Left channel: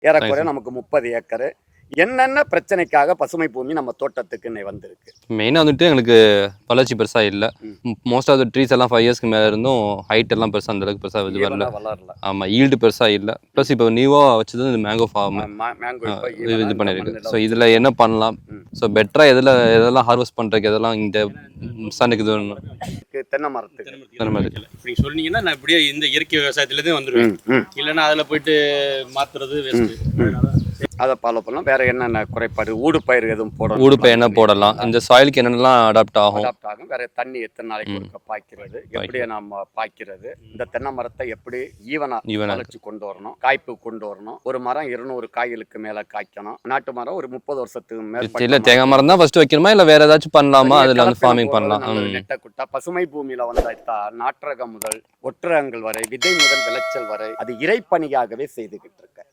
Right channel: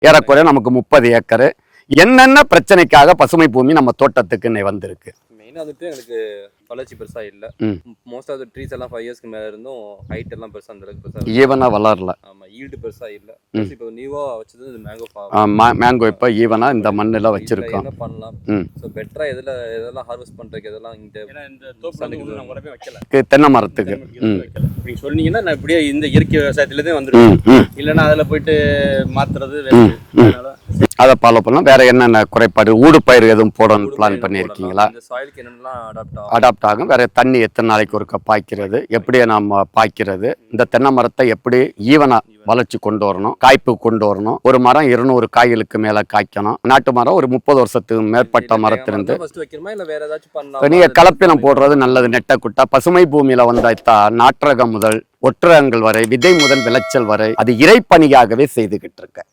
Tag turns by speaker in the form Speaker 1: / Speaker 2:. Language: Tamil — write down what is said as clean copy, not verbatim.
Speaker 1: ஏறக்குறைய நமக்கு 30 ஏக்கர். என்னென்ன பிரச்சனைக்காக பசுமை பூமி நம்ம தோட்டத்துக்கு வந்திருக்கு?
Speaker 2: மெயினாக வந்துட்டு எங்களுக்கு வளர்ச்சி பெருசாக இல்லை. மோஸ்ட் ஆஃப் த ட்ரீஸ் எல்லாம் 5 இயர்ஸ்க்கு மேலே இருந்தும் ஹைட் எல்லாம் பெருசாக அந்த அளவுக்கு பெருசாக
Speaker 1: ஈவனா வளரல.
Speaker 2: ஆமாம், ஈல்டு பெருசாக இல்லை. ப்ளஸ் இப்போ நியூவாக வச்சது இந்த மேங்கோ ஃபார்ம்.
Speaker 1: மேங்கோ இப்போ ஈவனா இந்த மண்ணில்
Speaker 2: இதில் என்ன பண்ணலாம்? ஸோ பெட்டராக எதெல்லாம் ஹார்வெஸ்ட் பண்ணுறதுக்கு எதெல்லாம் இந்த சனுக்கு இது
Speaker 1: தென்னை மரத்துக்கு
Speaker 3: நீங்க சொன்னீங்கன்னா நான் இப்படியே இந்த இயற்கை விவசாயத்துலேருந்து வந்துடுவேன். இல்லைன்னா அதில் போயிட்டு மாத்துறது
Speaker 1: அதை ஃபாலோ பண்ணலாம். வேற என்னென்ன குறைபாடு? ஊடுபயிர் எதுவும் போடணும்?
Speaker 2: ஊடுபயிர் என்ன போடலாம்? இந்த சாயிலுக்கு என்னென்னலாம் அடாப்ட் ஆகும்?
Speaker 1: வேற தண்ணி எத்தனை நாளைக்கு ஒருக்க பாய்க்கிறது, எப்படி நாம பாய்க்கிறது, இந்த தென்னை மரத்தை எப்படி ஈவனா வளர்ச்சி கொண்டு வரணும், காய்ப்பு கொண்டு வரணும். ஒரு மரம் 200 காய்களுக்கு மேல காய்க்கணும். நாட்டு மரம் ஒரு 30 வருஷத்துக்கு மேற்பட்ட
Speaker 2: தேங்காய் மரம் தான் ஃபர்ஸ்ட் வைக்கணுமா இல்ல வேற ஏதாச்சும் பண்ணலாமா?
Speaker 1: கலப்பினம் போடுறது நல்லது. நெட்ட குட்டா பசுமை பூமியில வந்தாய்த்தா நாற்றகம் முதல் ஒற்றகங்கள் வரை, விதை முதல் விளைச்சல் வரை அது இறைப்பணியாகவே செய்துகிட்டு இருக்க.